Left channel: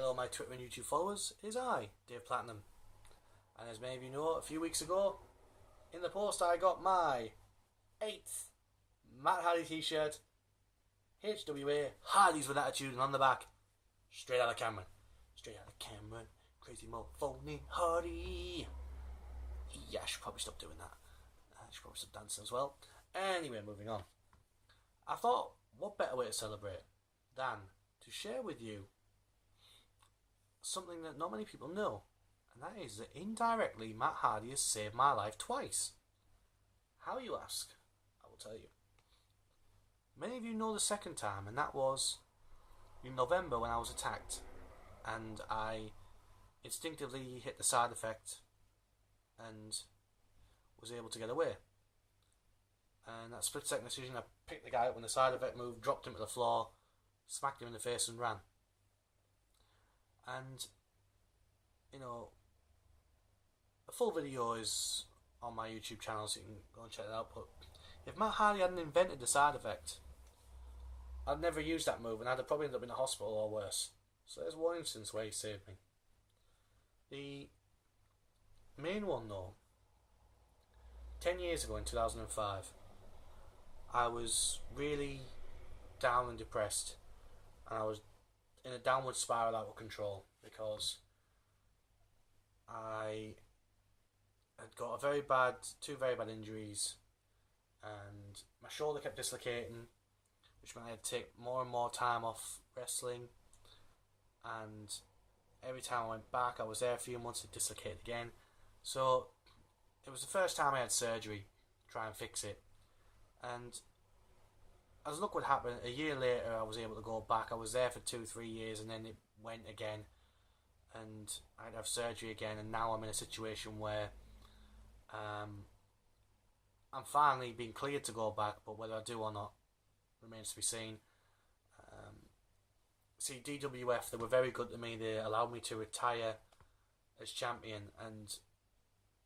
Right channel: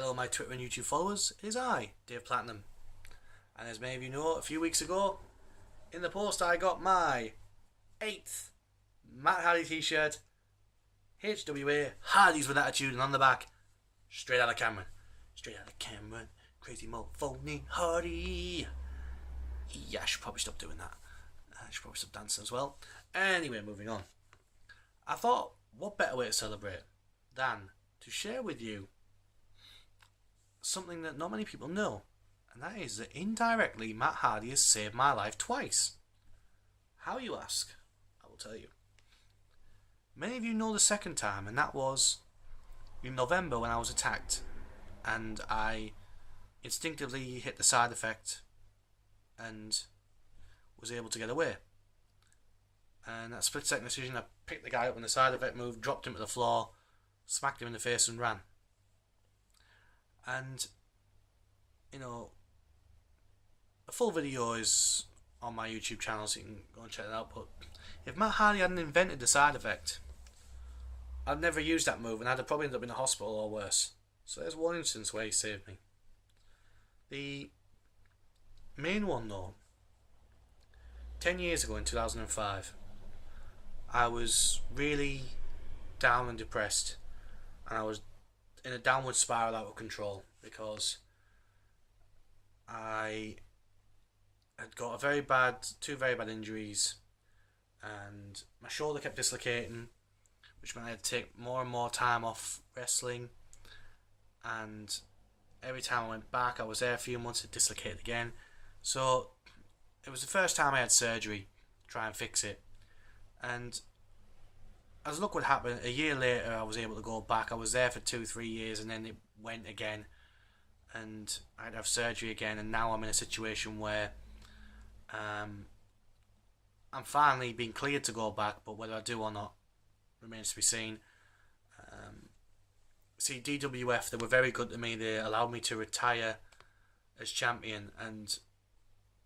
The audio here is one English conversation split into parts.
Hello, my Twitter and YouTube followers. It is I, Dave Platinum. And as many of you know, a few weeks ago, in the post I got my 8th Matt Hardy t-shirt. HWA, Hardy's with attitude, and on the back, straight out of Cameron. Straight out of Cameron. Crazy mofo named Hardy. Yeah, I should probably stop doing that. I should probably stop dancing as well. Anyway, moving on. I thought, what better way to celebrate than to share with you something that not many people know, and that is that indirectly Matt Hardy has saved my life twice. How, you ask? I will tell you. Many of you know the second time, and that was in November when I was attacked and I instinctively hit the side effect and was able to get away. And that split second decision, I picked the guy up when the side effect moved, dropped him to the floor, smacked him in the face and ran. And, you know, the full video is on my YouTube channel, so you can go and check it out. But if Matt Hardy hadn't invented the side effect, I'd never used that move, and I'd have probably ended up in a hospital or worse. So there's one instance where he saved me. The main one, though, 10 years ago in 2005, I was really down and depressed, and I was in a downward spiral out of control because I had got two very bad injuries, and my shoulder kept dislocating, which meant I had to take more and more time off wrestling, and every time I went back, I was there a few months, it dislocated again. So it was the first time I had surgery to try and fix it, and as luck would happen, a year later I was able to go back. I was there for 2-3 years, and then it went again, and I had to have surgery again, and now I'm in a situation where I'm finally being cleared to go back, but whether I do or not remains to be seen. See, DWF, they were very good to me. They allowed me to retire as champion, and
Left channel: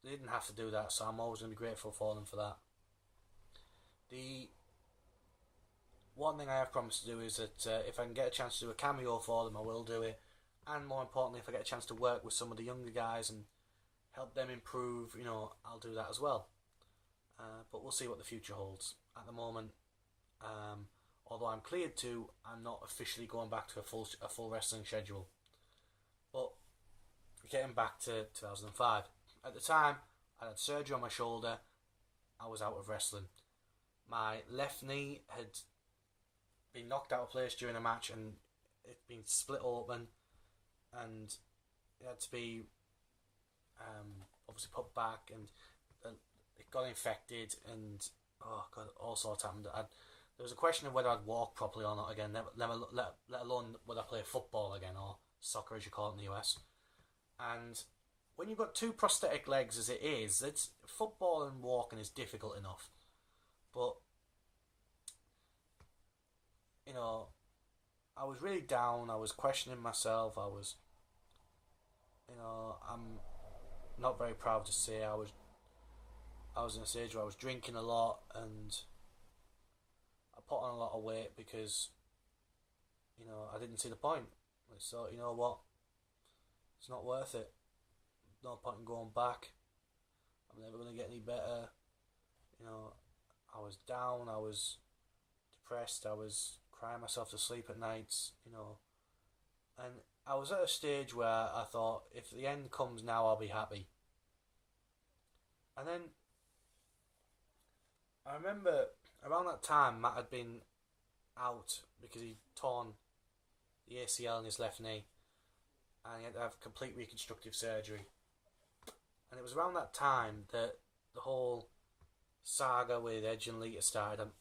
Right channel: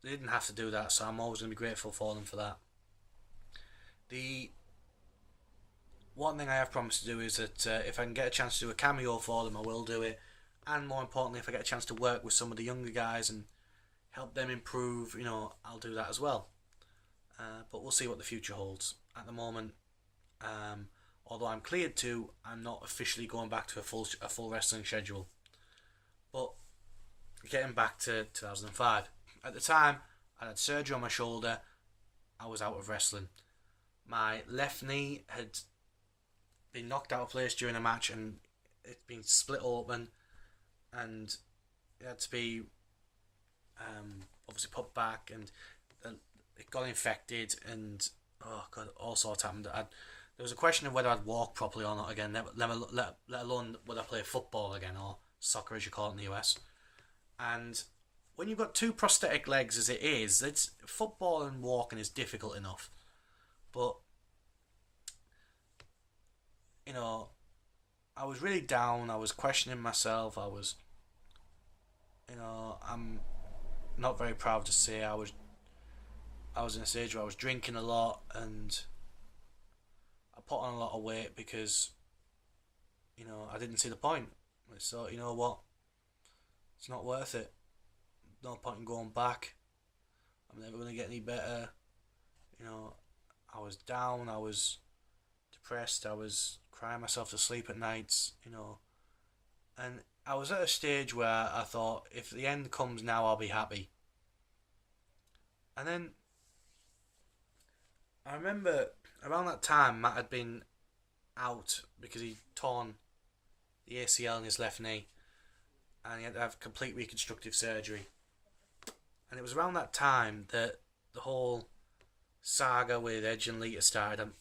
they didn't have to do that, so I'm always going to be grateful for them for that. The one thing I have promised to do is that if I can get a chance to do a cameo for them, I will do it. And more importantly, if I get a chance to work with some of the younger guys and help them improve, I'll do that as well. But we'll see what the future holds. At the moment, although I'm cleared to, I'm not officially going back to a full wrestling schedule. But getting back to 2005, at the time I had surgery on my shoulder. I was out of wrestling. My left knee had been knocked out of place during a match, and it'd been split open, and it had to be obviously put back, and it got infected, and oh god, all sorts happened. There was a question of whether I'd walk properly or not again, let alone whether I play football again, or soccer as you call it in the US. And when you've got two prosthetic legs as it is, it's football and walking is difficult enough. But I was really down. I was questioning myself. I'm not very proud to say I was in a stage where I was drinking a lot, and I put on a lot of weight because I didn't see the point. So you know what, it's not worth it. No point in going back. I'm never going to get any better. I was down, I was depressed, I was crying myself to sleep at nights, and I was at a stage where I thought, if the end comes now, I'll be happy. And then I remember around that time, Matt had been out because he'd torn the ACL in his left knee, and he had to have complete reconstructive surgery. And it was around that time that the whole saga with Edge and Lita started. I'm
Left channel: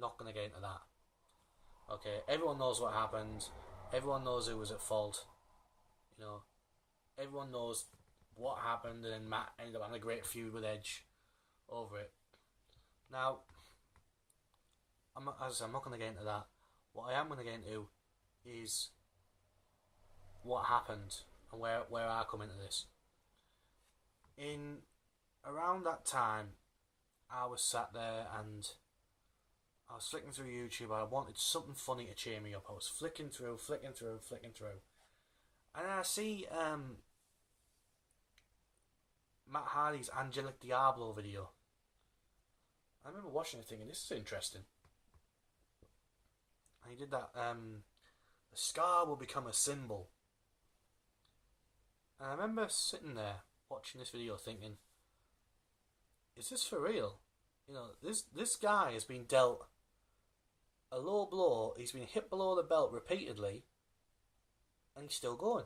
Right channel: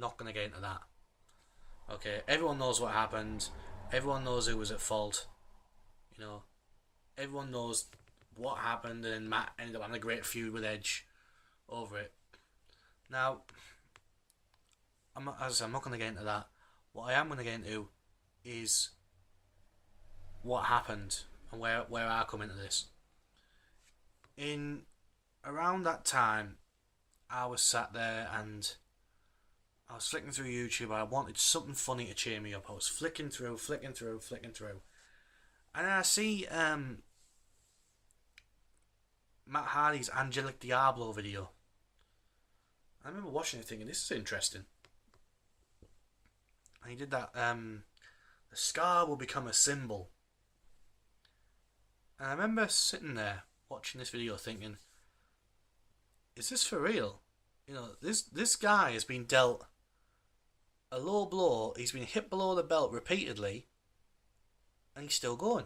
not going to get into that. Okay, everyone knows what happened. Everyone knows who was at fault. Everyone knows what happened, and Matt ended up having a great feud with Edge over it. Now, as I said, I'm not going to get into that. What I am going to get into is what happened and where I come into this. In around that time, I was sat there and I was flicking through YouTube. I wanted something funny to cheer me up. I was flicking through, And then I see Matt Hardy's Angelic Diablo video. I remember watching it thinking, this is interesting. And he did that, the scar will become a symbol. And I remember sitting there watching this video thinking, is this for real? You know, this guy has been dealt a low blow, he's been hit below the belt repeatedly, and he's still going.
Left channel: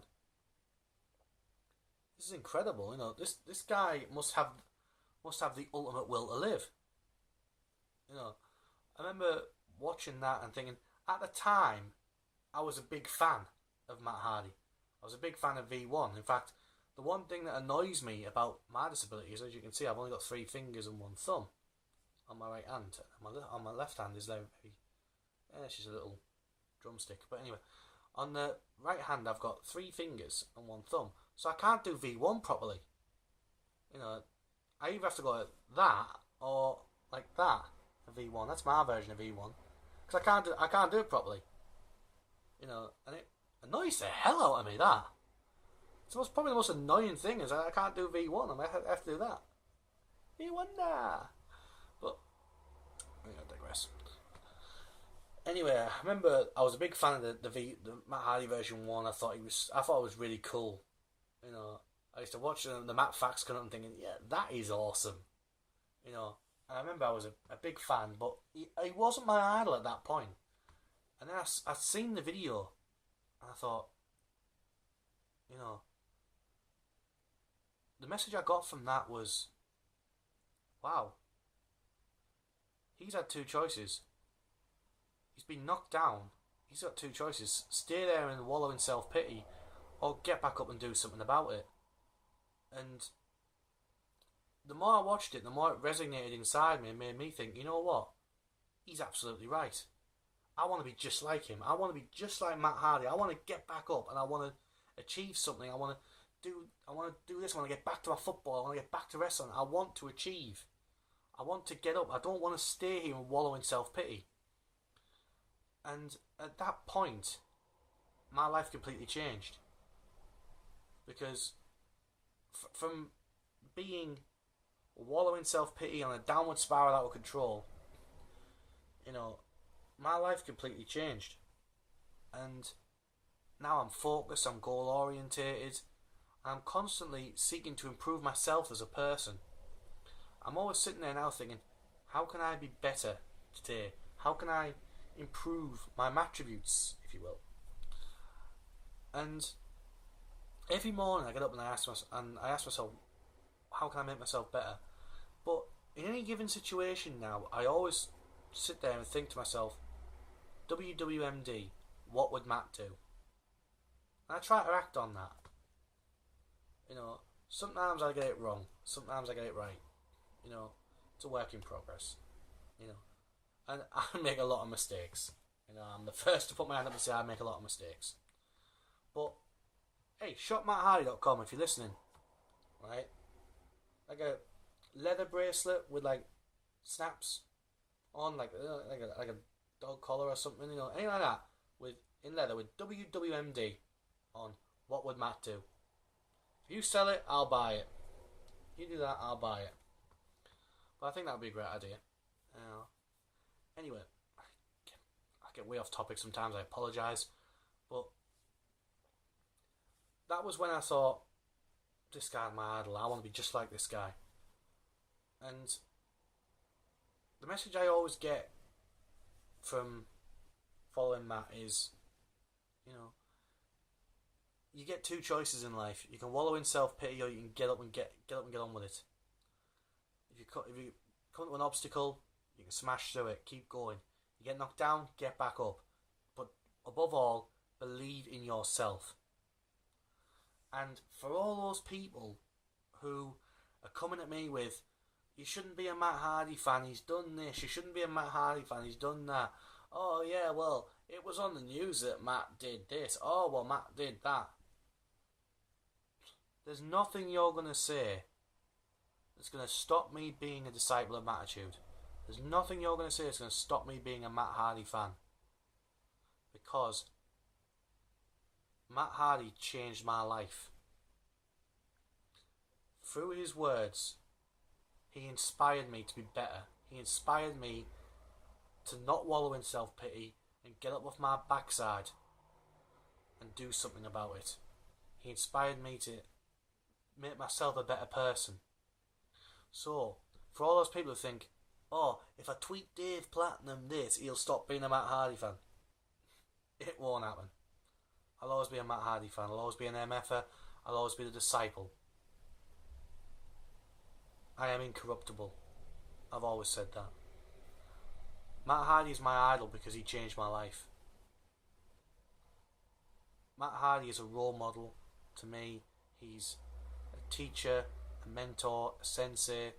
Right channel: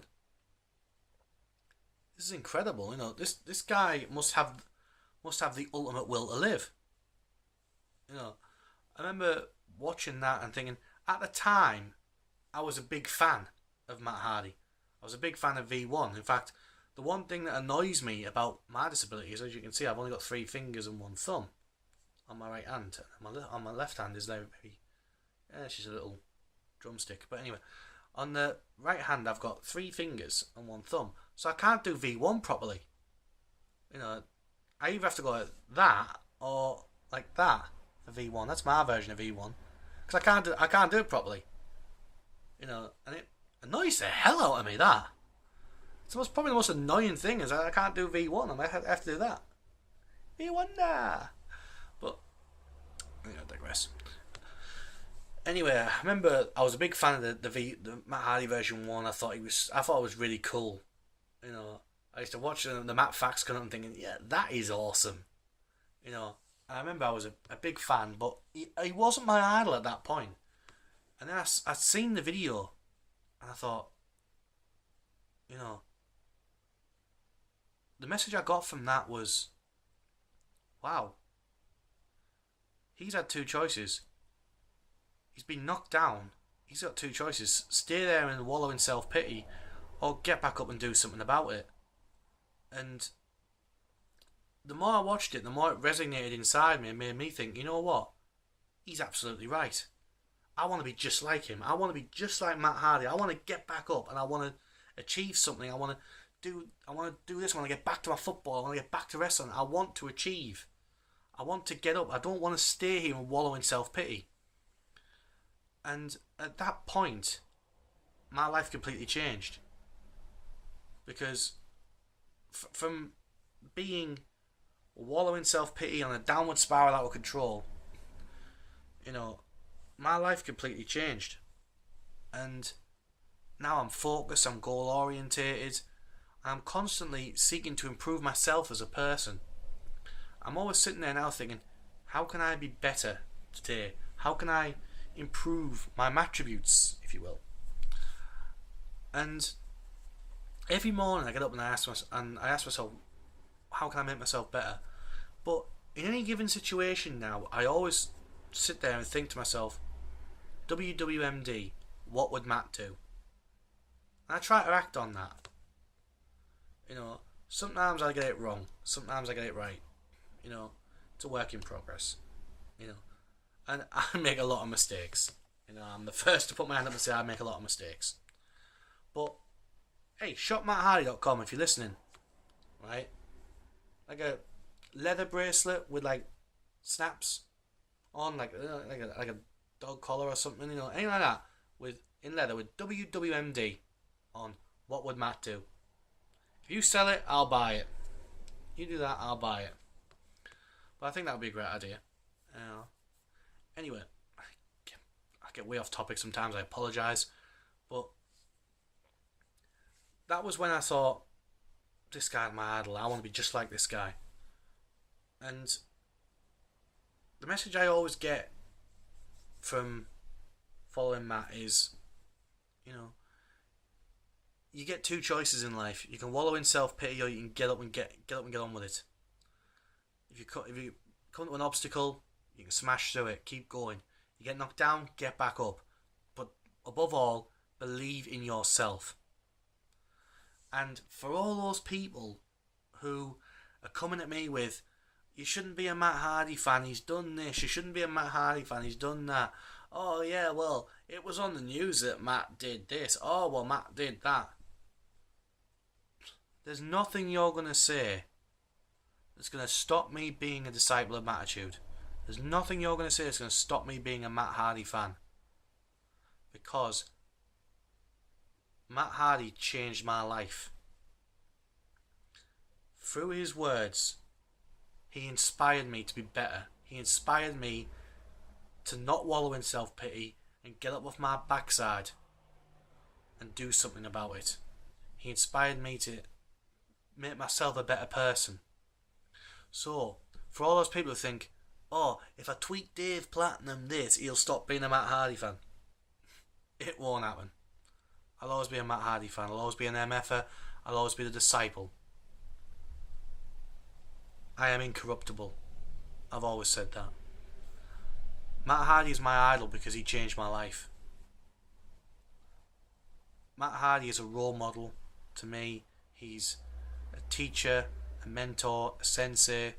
This is incredible, you know, this guy must have the ultimate will to live. You know, I remember watching that and thinking, at the time, I was a big fan of Matt Hardy. I was a big fan of V1. In fact, the one thing that annoys me about my disability is, as you can see, I've only got 3 fingers and 1 thumb on my right hand. On my left hand is very, it's just a little drumstick. But anyway, on the right hand, I've got 3 fingers and 1 thumb, so I can't do V1 properly. You know, I either have to go like that or like that for V1. That's my version of V1, because I can't do it properly. You know, and it annoys the hell out of me, that. It's probably the most annoying thing is I can't do V1. I might have to do that. V1 nah. But I digress. Anyway, I remember I was a big fan of the Matt Hardy version 1. I thought it was really cool. You know, I used to watch the Matt Fax come up and thinking, yeah, that is awesome. You know, I remember I was a big fan, but he wasn't my idol at that point. And then I'd seen the video, and I thought, you know, the message I got from that was, wow, he's had 2 choices. He's been knocked down. He's got 2 choices. Stay there and wallow in self-pity, or get back up and do something about it. And the more I watched it, the more it resonated inside me and made me think, you know what? He's absolutely right. I want to be just like him. I want to be just like Matt Hardy. I want to get back up and I want to achieve something. I want to do this. I want to get back to my football. I want to get back to wrestling. I want to achieve. I want to get up. I don't want to stay here and wallow in self-pity. And at that point, my life completely changed. Because from being wallowing self-pity on a downward spiral out of control, you know, my life completely changed. And now I'm focused, I'm goal orientated, I'm constantly seeking to improve myself as a person. I'm always sitting there now thinking, how can I be better today? How can I improve my attributes, if you will? And every morning I get up and I ask myself, how can I make myself better? But in any given situation now, I always sit there and think to myself, WWMD, what would Matt do? And I try to act on that. You know, sometimes I get it wrong, sometimes I get it right. You know, it's a work in progress. You know, and I make a lot of mistakes. You know, I'm the first to put my hand up and say I make a lot of mistakes. But hey, shopmatthardy.com if you're listening, right? Like a leather bracelet with like snaps on, like a dog collar or something, you know, anything like that in leather with WWMD on. What would Matt do? If you sell it, I'll buy it. You do that, I'll buy it. But I think that would be a great idea. Anyway, I get way off topic sometimes. I apologise, but that was when I thought, this guy's my idol. I want to be just like this guy. And the message I always get from following Matt is, you know, you get 2 choices in life. You can wallow in self-pity, or you can get up and get on with it. If you come to an obstacle, you can smash through it. Keep going. You get knocked down, get back up. But above all, believe in yourself. And for all those people who are coming at me with, you shouldn't be a Matt Hardy fan, he's done this. You shouldn't be a Matt Hardy fan, he's done that. Oh yeah, well, it was on the news that Matt did this. Oh, well, Matt did that. There's nothing you're going to say that's going to stop me being a disciple of Mattitude. There's nothing you're going to say that's going to stop me being a Matt Hardy fan. Because Matt Hardy changed my life. Through his words, he inspired me to be better. He inspired me to not wallow in self-pity and get up off my backside and do something about it. He inspired me to make myself a better person. So, for all those people who think, oh, if I tweet Dave Platinum this, he'll stop being a Matt Hardy fan. It won't happen. I'll always be a Matt Hardy fan. I'll always be an MFer. I'll always be the disciple. I am incorruptible. I've always said that. Matt Hardy is my idol because he changed my life. Matt Hardy is a role model to me. He's a teacher, a mentor, a sensei.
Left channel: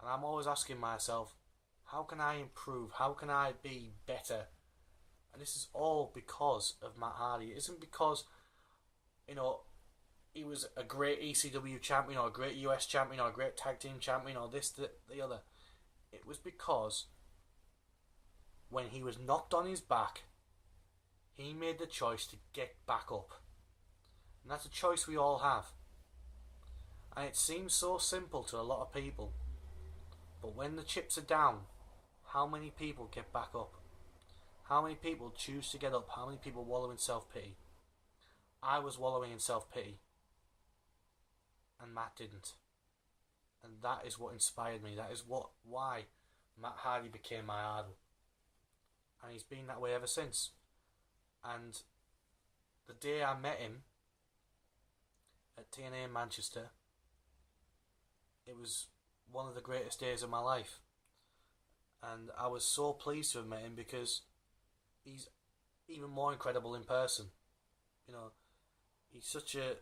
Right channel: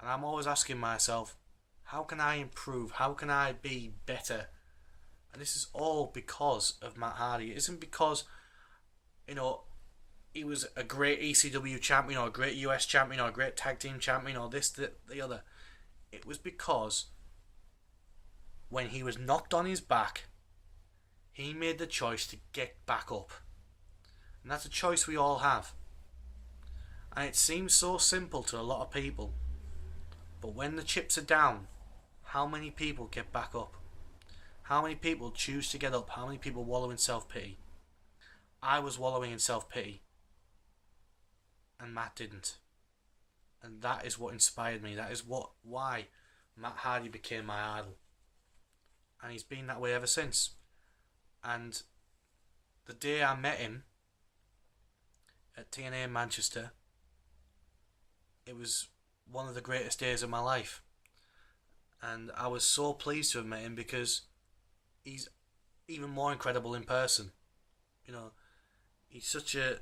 And I'm always asking myself, how can I improve? How can I be better? And this is all because of Matt Hardy. It isn't because, he was a great ECW champion or a great US champion or a great tag team champion or this, the other. It was because when he was knocked on his back, he made the choice to get back up. And that's a choice we all have. And it seems so simple to a lot of people. But when the chips are down, how many people get back up? How many people choose to get up? How many people wallow in self-pity? I was wallowing in self-pity. And Matt didn't. And that is what inspired me. That is why Matt Hardy became my idol. And he's been that way ever since. And the day I met him at TNA in Manchester, it was one of the greatest days of my life. And I was so pleased to have met him because he's even more incredible in person. He's such a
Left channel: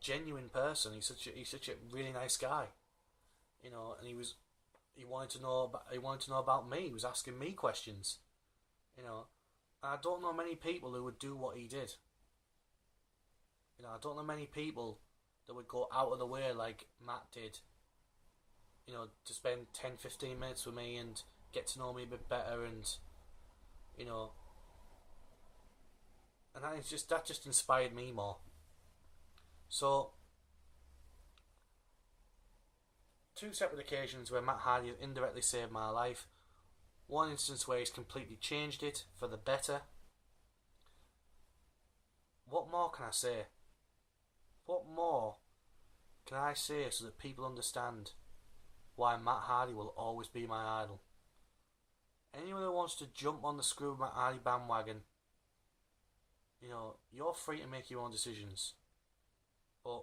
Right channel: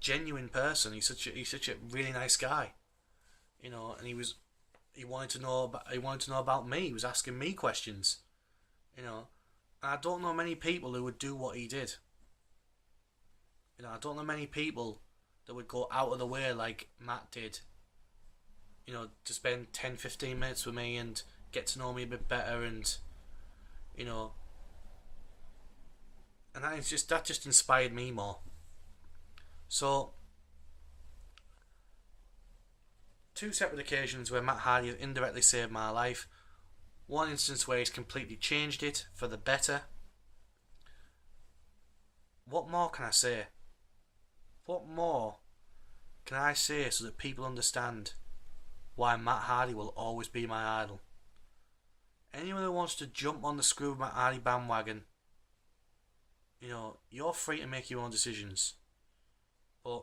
genuine person. He's such a really nice guy. And he wanted to know about me. He was asking me questions. And I don't know many people who would do what he did. I don't know many people that would go out of the way like Matt did. To spend 10-15 minutes with me and get to know me a bit better, and that just inspired me more. So, 2 separate occasions where Matt Hardy has indirectly saved my life. One instance where he's completely changed it for the better. What more can I say? What more can I say so that people understand why Matt Hardy will always be my idol? Anyone who wants to jump on the Screw Matt Hardy bandwagon, you're free to make your own decisions. But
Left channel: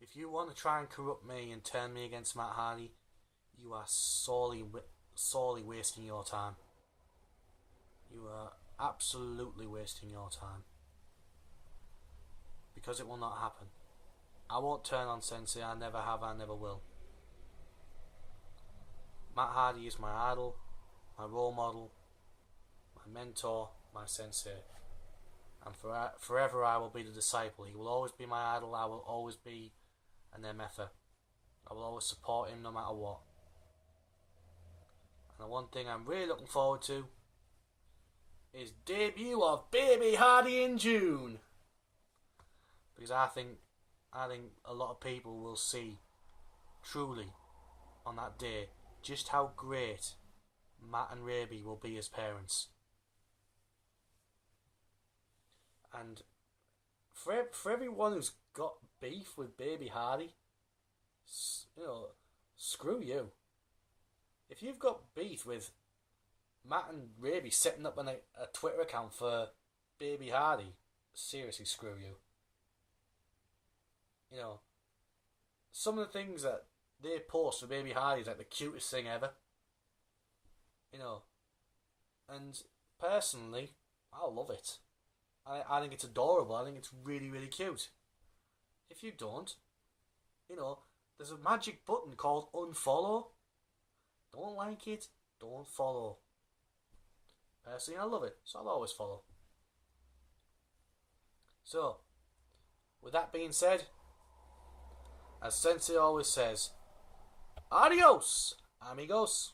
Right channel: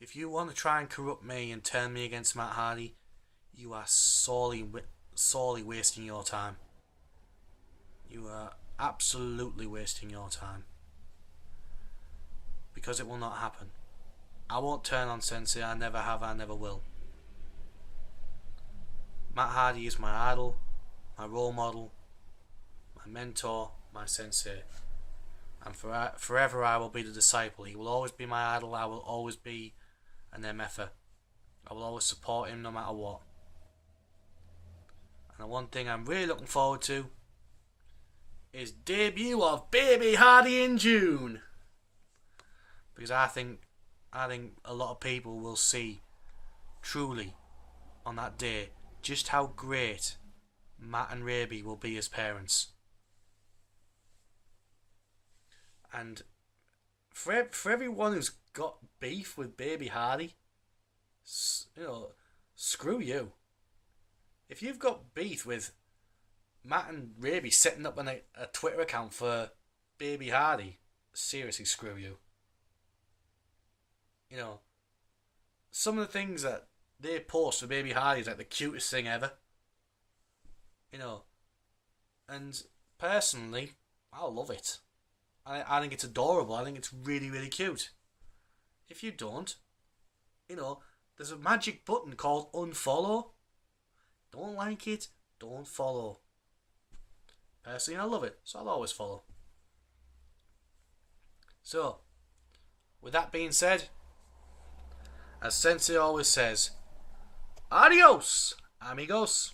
if you want to try and corrupt me and turn me against Matt Hardy, you are sorely wasting your time. You are absolutely wasting your time. Because it will not happen. I won't turn on Sensei. I never have, I never will. Matt Hardy is my idol, my role model, my mentor, my sensei. And forever I will be the disciple. He will always be my idol. I will always be an MFer. I will always support him no matter what. And the one thing I'm really looking forward to is debut of Baby Hardy in June. Because I think a lot of people will see truly on that day just how great Matt and Raby will be as parents. And for everyone who's got beef with Baby Hardy, screw you. If you've got beef with Matt and Raby setting up a Twitter account for Baby Hardy, seriously, screw you. Some of the things that they post for Baby Hardy is like the cutest thing ever. And personally, I love it. I think it's adorable. I think it's really, really cute. If you don't, there's a magic button called unfollow. Don't like it, don't follow. Personally, I love it, so I'll always follow. So, with that being said, as Sensei always says, adios, amigos.